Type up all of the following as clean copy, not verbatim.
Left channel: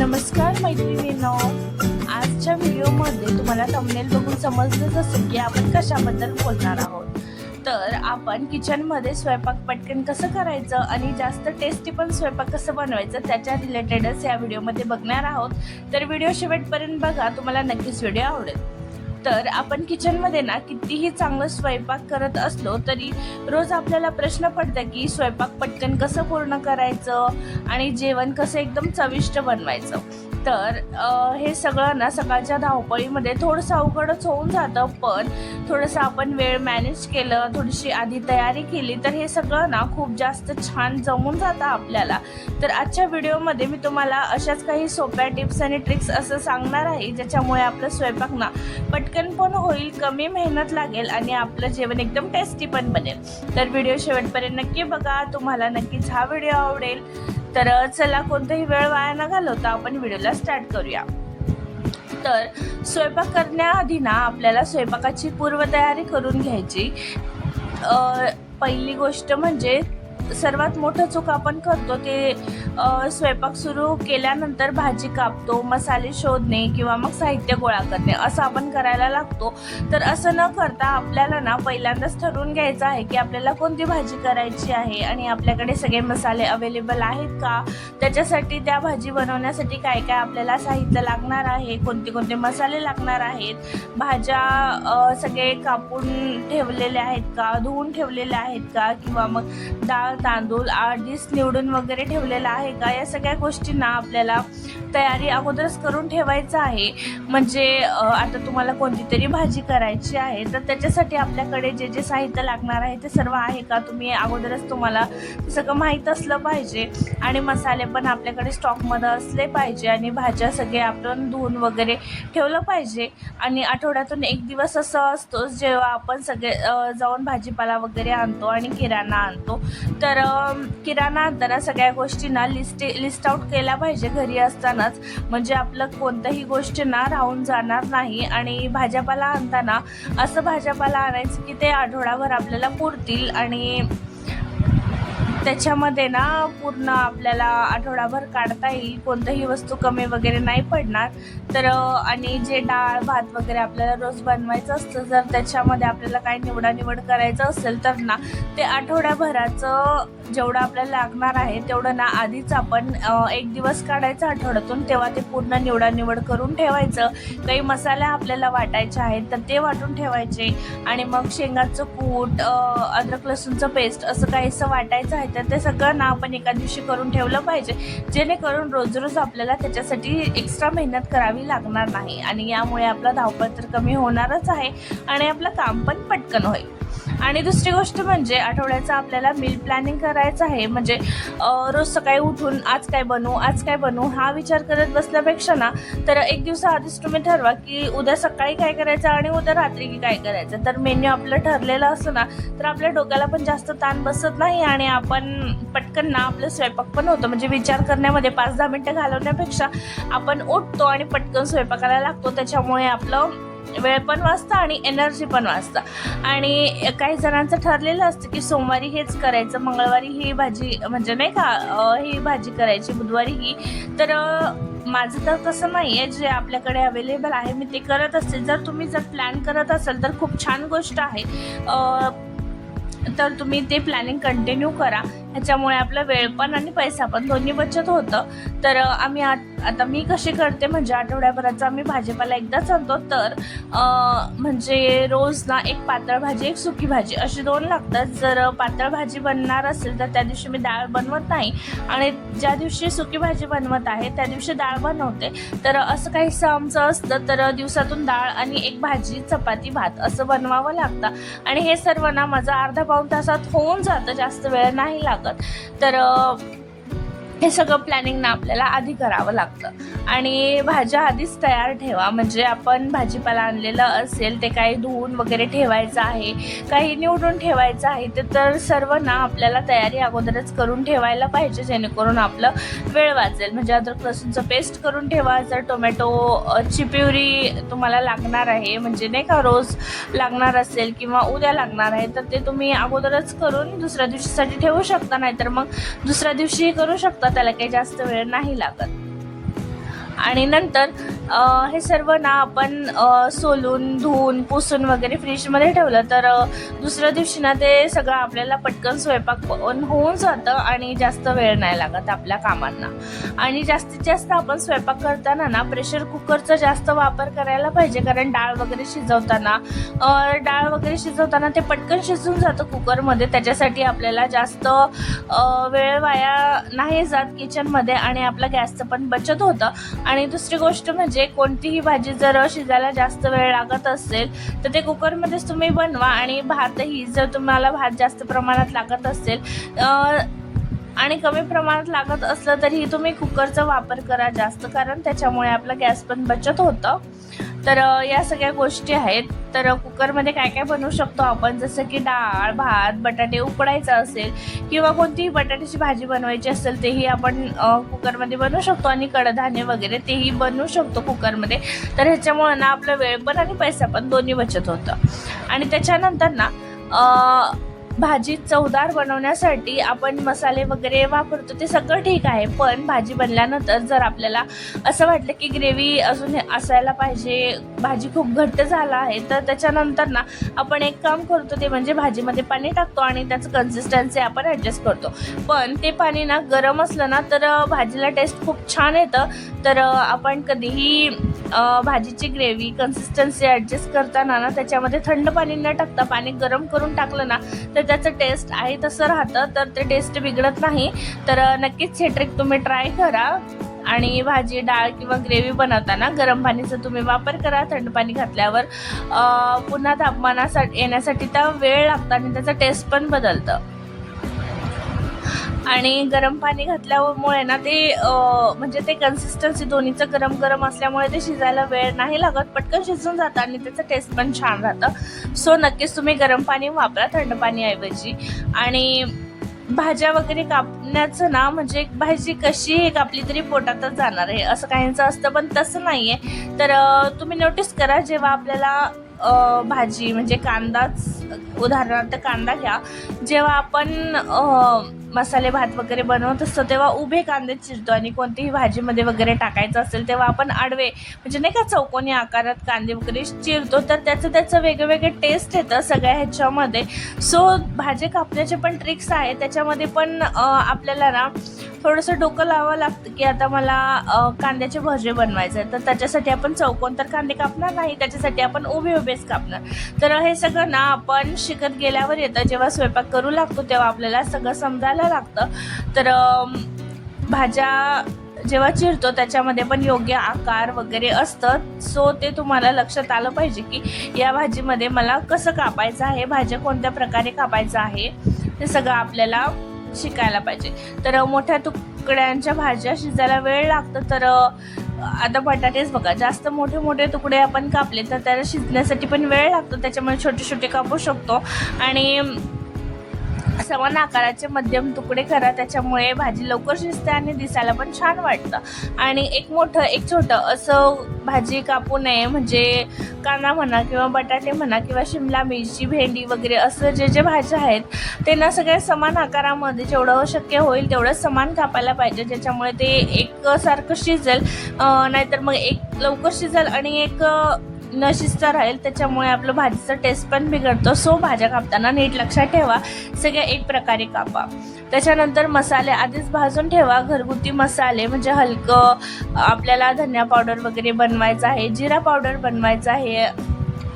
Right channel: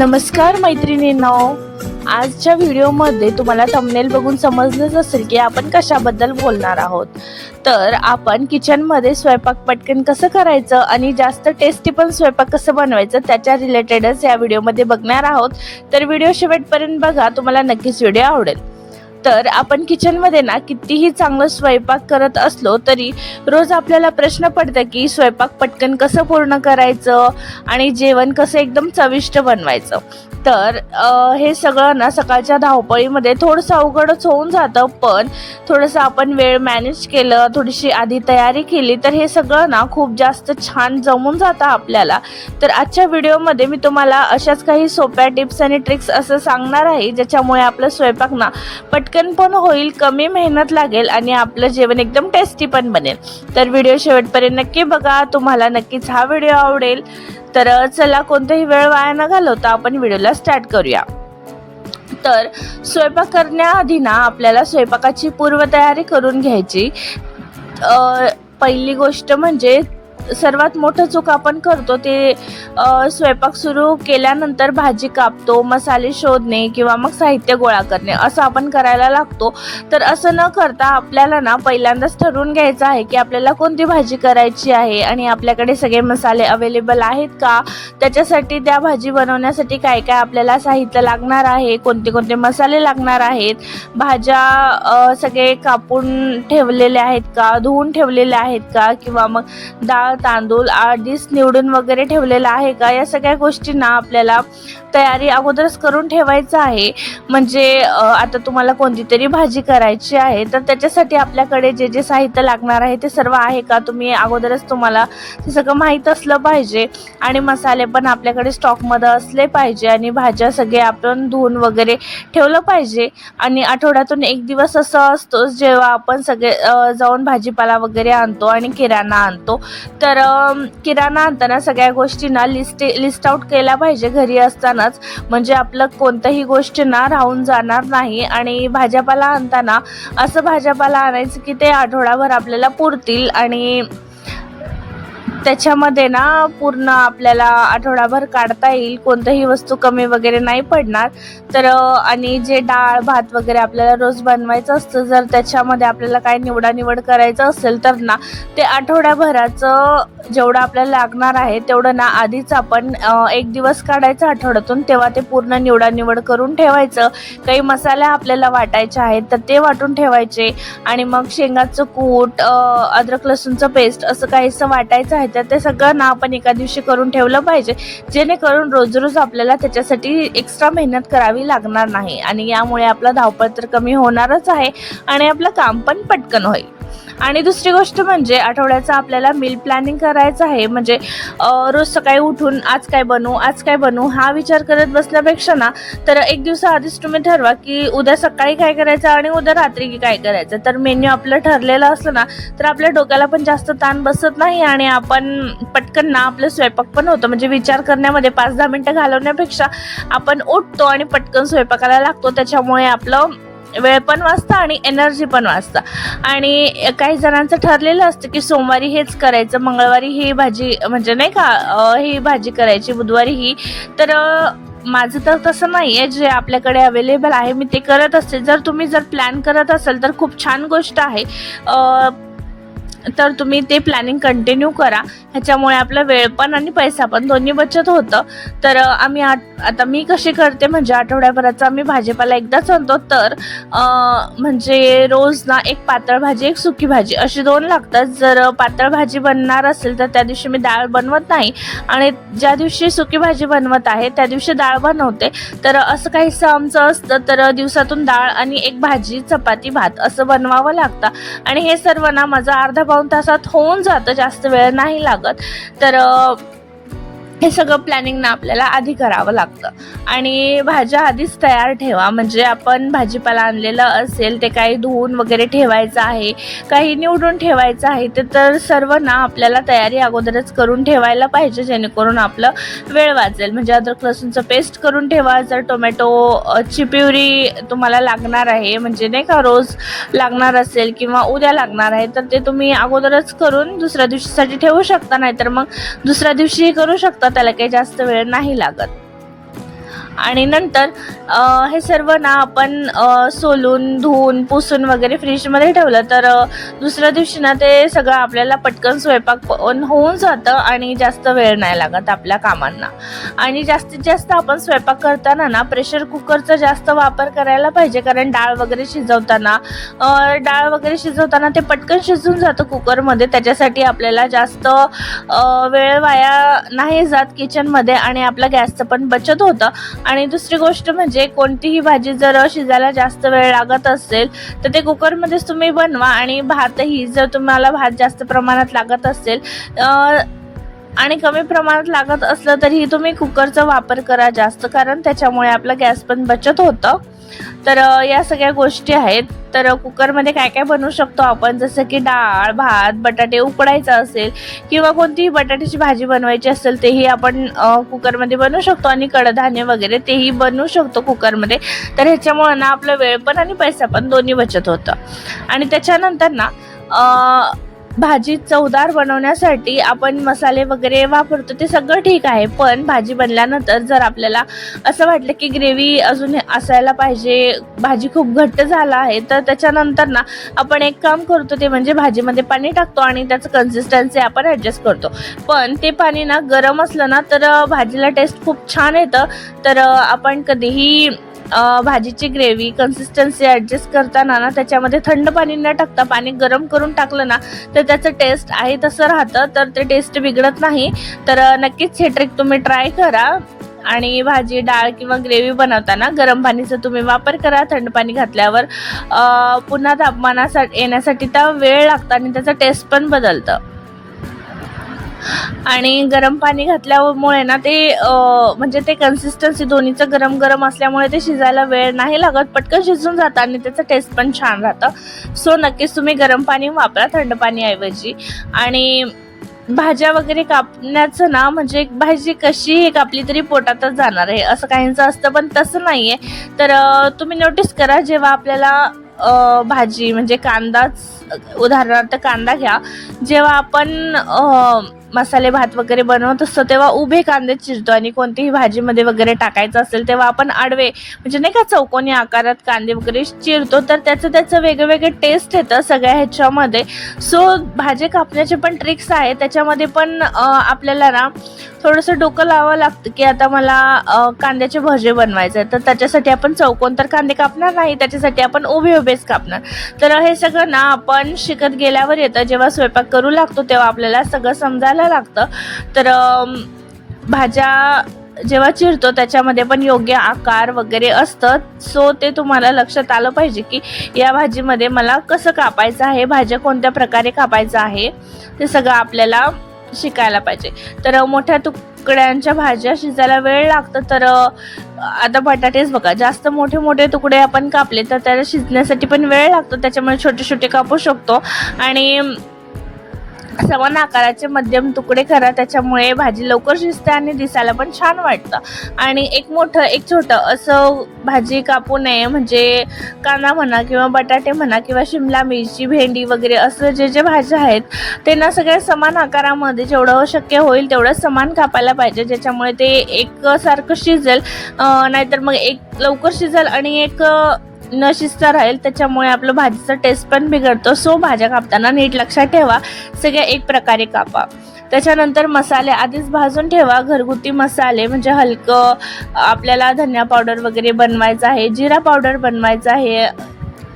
नमस्कार मैत्रिणींनो, आजच्या व्हिडिओमध्ये तुम्हाला थंबनेल बघून समजलंच असेल की आपण कशाबद्दल बोलणार आहोत। तर आपण किचनमध्ये स्वयंपाक पटकन कसं करायचं आणि जास्त टेस्टी पण स्वयंपाक कसं बनवायचं त्याच्या रिलेटेडच या व्हिडिओमध्ये बघणार आहोत। तर व्हिडिओ शेवटपर्यंत बघा, तुम्हाला नक्कीच व्हिडिओ आवडेल। तर आपण किचनमध्ये ना कितीही चांगलं स्वयंपाक करत असलो तरी रोज आपल्याला प्रश्न पडतो की स्वयंपाक पटकन कसं पूर्ण करायचं आणि जेवण कसं एकदम चविष्ट बनवायचं। तर हे सगळं ना सकाळच्या धावपळीमध्ये थोडंसं अवघडच होऊन जातं, पण थोडंसं आपण वेळ मॅनेज केलं, थोडीशी आधी तयारी केली तर हे सगळं ना खूप जास्त छान जमून जातं आपल्याला। तर आजच्या व्हिडिओमध्ये मी तुम्हाला अशाच काही सोप्या टिप्स आणि ट्रिक्स असं सांगणार आहे ज्याच्यामुळे आपलं स्वयंपाक ना पटकन पण होईल, कमी मेहनत लागेल आणि आपलं जेवण एकदम टेस्टी पण बनेल। तर व्हिडिओ शेवटपर्यंत नक्की बघा, तुम्हाला नक्कीच हा व्हिडिओ आवडेल। तर चला कोणताही वेळ वाया न घालवता आपण व्हिडिओला स्टार्ट करूया। तर स्वयंपाक करण्याआधी ना आपल्याला स्वयंपाकाची पूर्वतयारी करून घ्यायची। पहिली गोष्ट म्हणजे सर्वात मोठं चूक आपण करतो ते स्वयंपाक सुरू केल्यानंतर भाजी कापतो, मसाले शोधणे किंवा मग साहित्य गोळा करणे असं आपण करायला लागतो। तर असं न करता आपल्याला ना पहिल्यांदाच ठरवून घ्यायचं आहे की आपल्याला कोणती भाजी करायची आहे आणि आपल्याकडे सगळे मसाले अवेलेबल आहेत का, त्याच्यासाठी त्या भाजी बनवण्यासाठी काय काय आपल्याला साहित्य लागणार आहे, कोणते कोणते मसाले लागणार आहेत, भाज्या सगळे कापून ठेवलेले आहेत का, धुवून ठेवलेले आहेत का, किंवा मग डाळ तांदूळ आधीच निवडून वगैरे ठेवलेला आहे का, या सगळ्या गोष्टींना आपल्याला तयारी अगोदरच करून ठेवायचं आहे। म्हणजे आता तुम्हाला कोणती तरी भाजी करायची आहे तर त्याच्यासाठी आपल्याकडे जे जे साहित्य लागणार आहे ते सर्व आहे का, तुम्ही अगोदरच तुम्हाला ते सगळं माहीत असलं पाहिजे आणि मसाले पण आपल्याकडे स्टॉकमध्ये असले पाहिजे आणि भाज्या सगळे आपण धुवून वगैरे ठेवलं पाहिजे। आणि आठवड्यातून एक दिवस असं असतो जेव्हा आपण सगळे जाऊन भाजीपाला वगैरे आणतो आणि किराणा आणतो। तर किराणा आणताना सगळ्या गोष्टींना लिस्ट आउट केला पाहिजे घरी असतानाच, म्हणजे आपलं कोणतीही गोष्ट ना राहून जाणार नाही। आणि भाजीपाला आणताना असं भाजीपाला आणायचं की ते आठवडाभर आपल्याला पुरतील आणि त्याच्यामध्ये ना पूर्ण आपल्याला आठवडाभर काढता येईल, कोणतीही वस्तू कमी वगैरे नाही पडणार। तर आणि जे डाळ भात वगैरे आपल्याला रोज बनवायचं असतं, जर त्याच्यामध्ये आपल्याला काय निवड करायचं असेल तर ना ते आठवड्याभराचं जेवढं आपल्याला लागणार आहे तेवढं ना आधीच आपण एक दिवस काढायचं आठवड्यातून, तेव्हा ते पूर्ण निवड करून ठेवायचं। काही मसाले आपल्याला वाटायचे आहेत तर ते वाटून ठेवायचे आणि मग शेंगाचं कूट, अद्रक लसूणचं पेस्ट असं काहीसं वाटायचं आहे तर ते सगळं ना आपण एका दिवशी करून ठेवलं पाहिजे, जेणेकरून रोज आपल्याला त्याच्यासाठी एक्स्ट्रा मेहनत करावी लागणार नाही आणि यामुळे आपला धावपळ तर कमी होणारच आहे आणि आपलं काम पण पटकन होईल। आणि दुसरी गोष्ट म्हणजे आठवड्याचं आपल्याला मील प्लॅनिंग करायचं आहे। म्हणजे रोज सकाळी उठून आज काय बनवू हा विचार करत बसण्यापेक्षा ना तर एक दिवस आधीच तुम्ही ठरवा की उद्या सकाळी काय करायचं आणि उद्या रात्री काय करायचं। तर मेन्यू आपलं ठरलेलं असतं ना तर आपल्या डोक्याला पण जास्त ताण बसत नाही आणि आपण पटकन ना आपलं स्वयंपाक पण होतं। म्हणजे विचार करण्यामध्ये 5-10 मिनिटं घालवण्यापेक्षा आपण उठतो आणि पटकन स्वयंपाकाला लागतो, त्याच्यामुळे आपलं वेळ पण वाचतं आणि एनर्जी पण वाचतं। आणि काही जणांचं ठरलेलं असतं की सोमवारी हेच करायचं, मंगळवारी ही भाजी म्हणजे नाही का ही भाजी करायची, बुधवारी ही। तर माझं तर तसं नाही आहे, जे आपल्याकडे अवेलेबल आहे मी ते करत असते। जर तुम्ही प्लॅन करत असाल तर खूप छान गोष्ट आहे, तर तुम्ही ते प्लॅनिंग कंटिन्यू करा, ह्याच्यामुळे आपला वेळ पण आणि पैसा पण दोन्ही बचत होतं। तर आम्ही आता मी कशी करते म्हणजे आठवड्याभराचा आम्ही भाजीपाला एकदाच आणतो, तर म्हणजे रोज ना एक पातळ भाजी एक सुकी भाजी अशी 2 लागतात। जर पातळ भाजी बनणार असेल तर त्या दिवशी मी डाळ बनवत नाही आणि ज्या दिवशी सुकी भाजी बनवत आहे त्या दिवशी डाळ बनवते। तर असं काहीसं आमचं असतं, तर दिवसातून डाळ आणि एक भाजी चपाती भात असं बनवावं लागतं आणि हे सर्व ना माझं अर्धा-पाऊण तासात होऊन जातं, जास्त वेळ नाही लागत। तर हे सगळं प्लॅनिंग ना आपल्याला आधी करावं लागतं आणि भाज्या आधीच तयार ठेवा। म्हणजे आपण भाजीपाला आणलेलं असेल ते काही धुवून वगैरे ठेवायचं आहे, काही निवडून ठेवायचं आहे, तर सर्व ना आपल्याला तयारी अगोदरच करून ठेवायला पाहिजे, जेणेकरून आपलं वेळ वाचेल। म्हणजे अद्रक लसूणचं पेस्ट करून ठेवा, जर टोमॅटोची प्युरी तुम्हाला लागणार आहे म्हणजे नाही का रोज लागणार असेल किंवा उद्या लागणार आहे तर ते तुम्ही अगोदरच करून दुसऱ्या दिवशीसाठी ठेवू शकता, नाहीतर मग दुसऱ्या दिवशी करू शकता, त्याला काही जास्त वेळ नाही लागत। आणि नंतर हे सर्व ना आपण सोलून धुवून पुसून वगैरे फ्रीजमध्ये ठेवलं तर दुसऱ्या दिवशी ना ते सगळं आपल्याला पटकन स्वयंपाक पण होऊन जातं आणि जास्त वेळ नाही लागत आपल्या कामांना. आणि जास्तीत जास्त आपण स्वयंपाक करताना ना प्रेशर कुकरचा जास्त वापर करायला पाहिजे, कारण डाळ वगैरे शिजवताना ते पटकन शिजून जातं कुकरमध्ये. त्याच्यासाठी आपल्याला जास्त वेळ वाया नाही जात किचनमध्ये आणि आपल्या गॅसचं पण बचत होतं. आणि दुसरी गोष्ट म्हणजे कोणतीही भाजी जर शिजायला जास्त वेळ लागत असेल तर ते कुकरमध्येच तुम्ही बनवा. आणि भातही जर तुम्हाला भात जास्त प्रमाणात लागत असेल आणि कमी प्रमाणात लागत असलं तरीही तुम्ही कुकरचा वापर करा जास्त, कारण त्याच्यामुळे आपला गॅस पण बचत होतं. तर या सगळ्या गोष्टी आहेत. तर कुकरमध्ये काय काय बनवू शकतो आपण, जसं की डाळ भात बटाटे उकडायचा असेल किंवा कोणतीही बटाट्याची भाजी बनवायची असेल तेही आपण कुकरमध्ये बनवू शकतो. आणि कडधान्य वगैरे तेही बनवू शकतो कुकरमध्ये. तर ह्याच्यामुळे ना आपला वेळ पण आणि पैसा पण दोन्ही बचत होतं. आणि त्याच्यानंतर ना भाजी चवदार बनवण्यासाठी आपण मसाले वगैरे वापरतो ते सगळं ठीक आहे, पण भाजी बनल्यानंतर जर आपल्याला असं वाटलं की ग्रेव्ही अजून असायला पाहिजे, भाजी खूप घट्ट झाला आहे, तर त्याच्यानंतर ना आपण एक काम करतो ते म्हणजे भाजीमध्ये पाणी टाकतो आणि त्याचं कन्सिस्टन्सी आपण ॲडजस्ट करतो. पण ते पाणी ना गरम असलं ना तर भाजीला टेस्ट खूप छान येतं. तर आपण कधीही भाजीची ग्रेव्ही कन्सिस्टन्सी ॲडजस्ट करताना ना त्याच्यामध्ये थंड पाणी न टाकता पाणी गरम करून टाकलं ना तर त्याचं टेस्ट आहे तसं राहतं, तर ते टेस्ट बिघडत नाही. तर नक्कीच हे ट्रिक तुम्ही ट्राय करा. आणि भाजी डाळ किंवा ग्रेव्ही बनवताना गरम पाणीचा तुम्ही वापर करा. थंड पाणी घातल्यावर पुन्हा तापमानासाठी येण्यासाठी त्या वेळ लागतं आणि त्याचं टेस्ट पण बदलतं. आणि गरम पाणी घातल्यामुळे ना ते म्हणजे ते कन्सिस्टन्सी दोन्हीचं गरम गरम असल्यामुळे ते शिजायला वेळ नाही लागत, पटकन शिजून जातं आणि त्याचं टेस्ट पण छान राहतं. सो नक्कीच तुम्ही गरम पाणी वापरा थंड पाणीऐवजी. आणि भाज्या वगैरे कापण्याचं ना म्हणजे भाजी कशी कापली तरी पोटातच जाणार आहे असं काहींचं असतं, पण तसं नाही आहे. तर तुम्ही नोटीस करा, जेव्हा आपल्याला भाजी म्हणजे कांदाच, उदाहरणार्थ कांदा घ्या, जेव्हा आपण मसाले भात वगैरे बनवत असतो तेव्हा उभे कांदे चिरतो आणि कोणतीही भाजीमध्ये वगैरे टाकायचं असेल तेव्हा आपण आडवे म्हणजे नाही का चौकोनी आकारात कांदे वगैरे चिरतो, तर त्याचं वेगवेगळे टेस्ट येतं सगळ्या ह्याच्यामध्ये. सो भाजी कापण्याचे पण ट्रिक्स आहे, त्याच्यामध्ये पण आपल्याला ना थोडंसं डोकं लावावं लागतं की आता मला कांद्याचे भजे बनवायचे आहेत, तर त्याच्यासाठी आपण चौकोन तर कांदे कापणार नाही, त्याच्यासाठी आपण उभेच कापणार. तर हे सगळं ना आपण शिकत गेल्यावर येतं, जेव्हा स्वयंपाक करू लागतो तेव्हा आपल्याला सगळं समजायला लागतं. तर भाज्या जेव्हा चिरतो त्याच्यामध्ये पण योग्य आकार वगैरे असतं. सो ते तुम्हाला लक्षात आलं पाहिजे की या भाजीमध्ये मला कसं कापायचं आहे, भाज्या कोणत्या प्रकारे कापायचं आहे, ते सगळं आपल्याला शिकायला पाहिजे. तर मोठ्या तुकड्यांच्या भाज्या शिजायला वेळ लागतं. तर आता बटाटेच बघा, जास्त मोठे मोठे तुकडे आपण कापले तर त्याला शिजण्यासाठी पण वेळ लागतो, त्याच्यामुळे छोटे छोटे कापू शकतो. आणि समान आकाराचे मध्यम तुकडे करा, त्याच्यामुळे भाजी लवकर शिजते आणि दिसायला पण छान वाटतं. आणि एक मोठं एक छोटं असं भाजी कापू नये, म्हणजे कांदा म्हणा किंवा बटाटे म्हणा किंवा शिमला मिरची भेंडी वगैरे असं जे भाज्या आहेत ते ना सगळ्या समान आकारामध्ये जेवढं शक्य होईल तेवढं समान कापायला पाहिजे, ज्याच्यामुळे ते एकसारखं शिजेल. नाहीतर मग एक लवकर शिजेल आणि एक न शिजता राहील, त्याच्यामुळे आपलं भाजीचा टेस्ट पण बिघडतो. सो भाज्या कापताना नीट लक्षात ठेवा, सगळ्या एक प्रकारे कापा. त्याच्यानंतर मसाले आधीच भाजून ठेवा. घरगुती मसाले म्हणजे हलकं आपल्याला धनिया पावडर वगैरे बनवायचं आहे, जिरा पावडर बनवायचं आहे,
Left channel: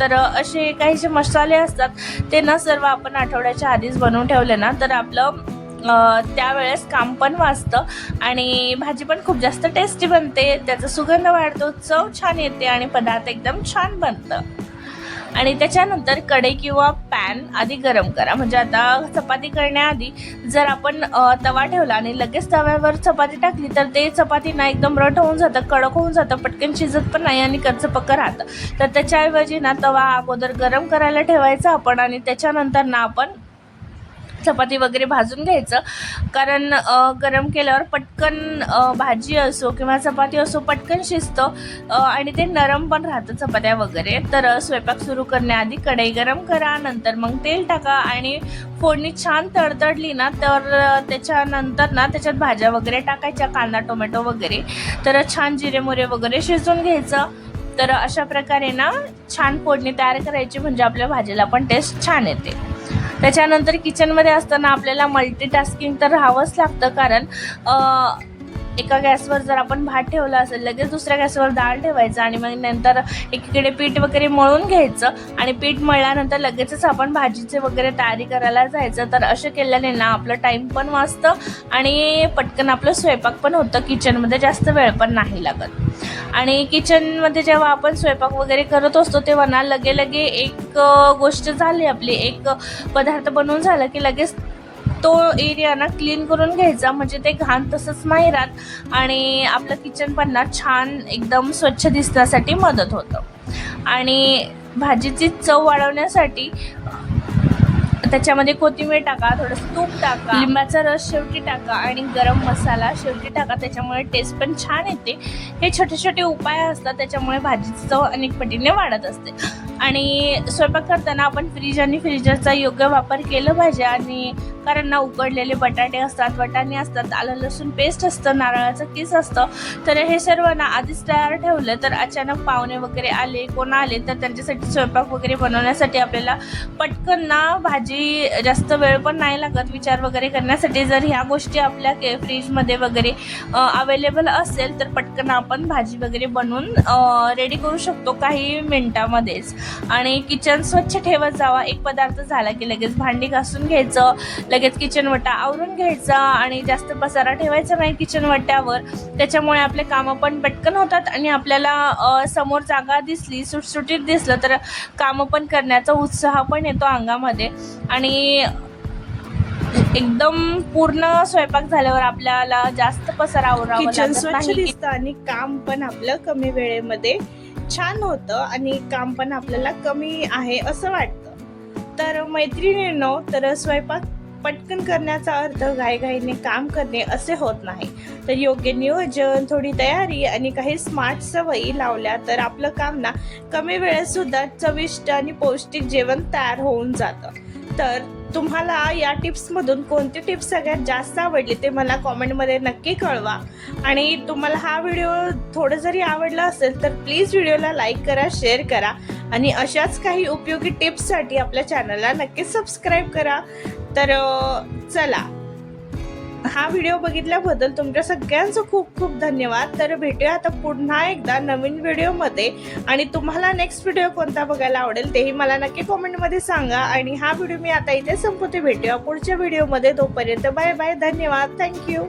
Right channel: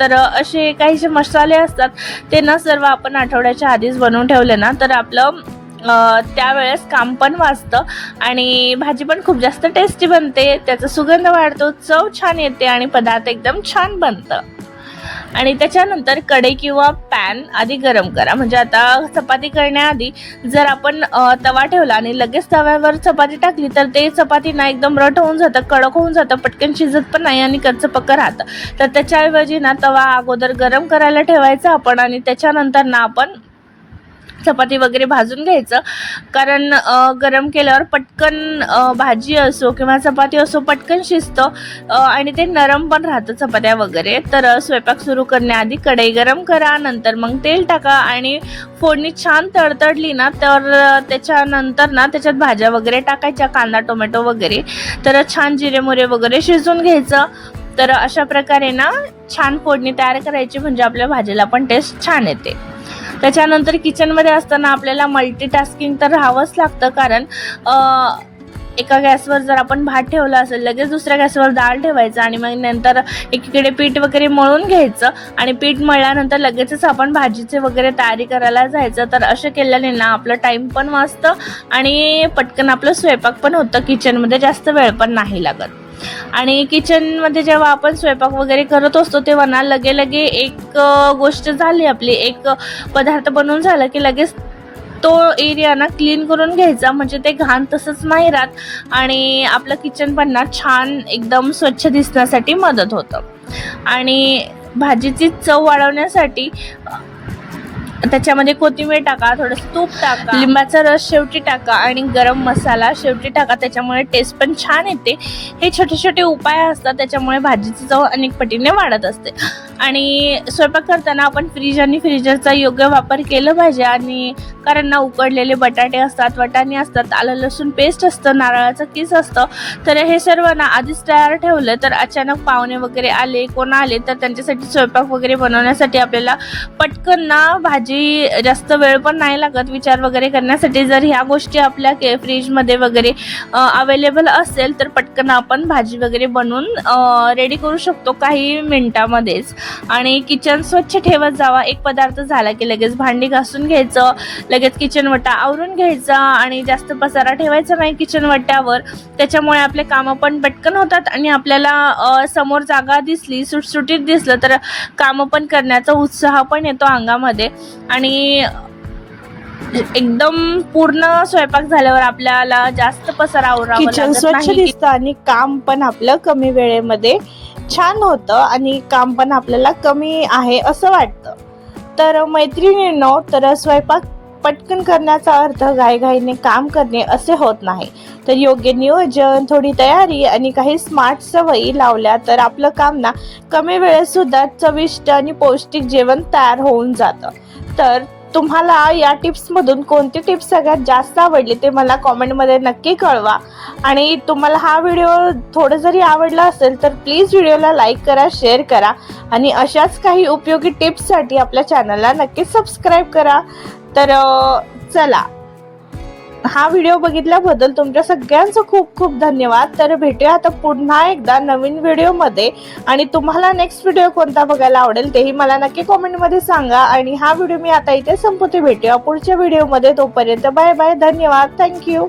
तर असे काहीसे मसाले असतात ते ना सर्व आपण आठवड्याच्या आधीच बनवून ठेवले ना तर आपलं त्यावेळेस काम पण वाचतं आणि भाजी पण खूप जास्त टेस्टी बनते, त्याचा सुगंध वाढतो, चव छान येते आणि पदार्थ एकदम छान बनतं. आणि त्याच्यानंतर कढई किंवा पॅन आधी गरम करा. म्हणजे आता चपाती करण्याआधी जर आपण तवा ठेवला आणि लगेच तव्यावर चपाती टाकली तर ते चपाती ना एकदम रट होऊन जातं, कडक होऊन जातं, पटकन शिजत पण नाही आणि कच्चं पक्कं राहतं. तर त्याच्याऐवजी ना तवा अगोदर गरम करायला ठेवायचा आपण आणि त्याच्यानंतर ना आपण चपाती वगैरे भाजून घ्यायचं, कारण गरम केल्यावर पटकन भाजी असो किंवा चपाती असो पटकन शिजतं आणि ते नरम पण राहतं चपात्या वगैरे. तर स्वयंपाक सुरू करण्याआधी कढई गरम करा, नंतर मग तेल टाका आणि फोडणी छान तडतडली ना तर त्याच्यानंतर ना त्याच्यात भाज्या वगैरे टाकायच्या, कांदा टोमॅटो वगैरे. तर छान जिरे मोहरी वगैरे शिजवून घ्यायचं. तर अशा प्रकारे ना छान फोडणी तयार करायची, म्हणजे आपल्या भाजीला पण टेस्ट छान येते. त्याच्यानंतर किचनमध्ये असताना आपल्याला मल्टीटास्किंग तर राहावंच लागतं, कारण एका गॅसवर जर आपण भात ठेवला असेल लगेच दुसऱ्या गॅसवर डाळ ठेवायचं आणि मग नंतर एकीकडे पीठ वगैरे मळून घ्यायचं आणि पीठ मळल्यानंतर लगेचच आपण भाजीचे वगैरे तयारी करायला जायचं. तर असं केल्याने ना आपलं टाईम पण वाचतं आणि पटकन आपलं स्वयंपाक पण होतं, किचनमध्ये जास्त वेळ पण नाही लागत. आणि किचनमध्ये जेव्हा आपण स्वयंपाक वगैरे करत असतो तेव्हा ना लगे एक गोष्ट झाली आपली, एक पदार्थ बनवून झाला की लगेच तो एरिया ना क्लीन करून घ्यायचा, म्हणजे ते घाण तसंच नाही राहत आणि आपलं किचन पण ना छान एकदम स्वच्छ दिसण्यासाठी मदत होतं. आणि भाजीची चव वाढवण्यासाठी त्याच्यामध्ये कोथिंबीर टाका, थोडंसं तूप टाका, लिंबाचा रस शेवटी टाका आणि गरम मसाला शेवटी टाका, त्याच्यामुळे टेस्ट पण छान येते. हे छोटे छोटे उपाय असतात, त्याच्यामुळे भाजीची चव अनेक पटीने वाढत असते. आणि स्वयंपाक करताना आपण फ्रीज आणि फ्रीजरचा योग्य वापर केला पाहिजे, आणि कारण ना उकडलेले बटाटे असतात, वाटाणे असतात, आलं लसूण पेस्ट असतं, नारळाचं किस असतं. तर हे सर्व ना आधीच तयार ठेवलं तर अचानक पाहुणे वगैरे आले, कोण आले तर त्यांच्यासाठी स्वयंपाक वगैरे बनवण्यासाठी आपल्याला पटकन ना भाजी जास्त वेळ पण नाही लागत विचार वगैरे करण्यासाठी. जर ह्या गोष्टी आपल्या फ्रीजमध्ये वगैरे अवेलेबल असेल तर पटकन आपण भाजी वगैरे बनवून रेडी करू शकतो काही मिनिटामध्येच. आणि किचन स्वच्छ ठेवत जावा. एक पदार्थ झाला की लगेच भांडी घासून घ्यायचं, लगेच किचन वट्टा आवरून घ्यायचा आणि जास्त पसारा ठेवायचा नाही किचन वट्ट्यावर. त्याच्यामुळे आपले कामं पण पटकन होतात आणि आपल्याला समोर जागा दिसली, सुटसुटीत दिसलं तर कामं पण करण्याचा उत्साह पण येतो अंगामध्ये. आणि एकदम पूर्ण स्वयंपाक झाल्यावर आपल्याला जास्त पसारा आवरावा लागत नाही, स्वच्छ दिसतं आणि काम पण आपलं कमी वेळेमध्ये छान होतं आणि काम पण आपल्याला कमी आहे असं वाटतं. तर मैत्रिणींनो, तर स्वयंपाक पटकन करण्याचा अर्थ घाईघाईने काम करणे असे होत नाही. तर योग्य नियोजन, थोडी तयारी आणि काही स्मार्ट सवयी लावल्या तर आपलं काम ना कमी वेळेत सुद्धा चविष्ट आणि पौष्टिक जेवण तयार होऊन जातं. तर तुम्हाला या टिप्समधून कोणती टिप्स सगळ्यात जास्त आवडली ते मला कॉमेंटमध्ये नक्की कळवा. आणि तुम्हाला हा व्हिडिओ थोडं जरी आवडला असेल तर प्लीज व्हिडिओला लाईक करा, शेअर करा आणि अशाच काही उपयोगी टिप्ससाठी आपल्या चॅनलला नक्कीच सबस्क्राईब करा. तर चला, हा व्हिडिओ बघितल्याबद्दल तुमच्या सगळ्यांचं खूप खूप धन्यवाद. तर भेटूया आता पुन्हा एकदा नवीन व्हिडिओमध्ये, आणि तुम्हाला नेक्स्ट व्हिडिओ कोणता बघायला आवडेल तेही मला नक्की कॉमेंटमध्ये सांगा. आणि हा व्हिडिओ मी आता इथे संपवते. भेटूया पुढच्या व्हिडिओमध्ये. तोपर्यंत बाय बाय, धन्यवाद, थँक्यू.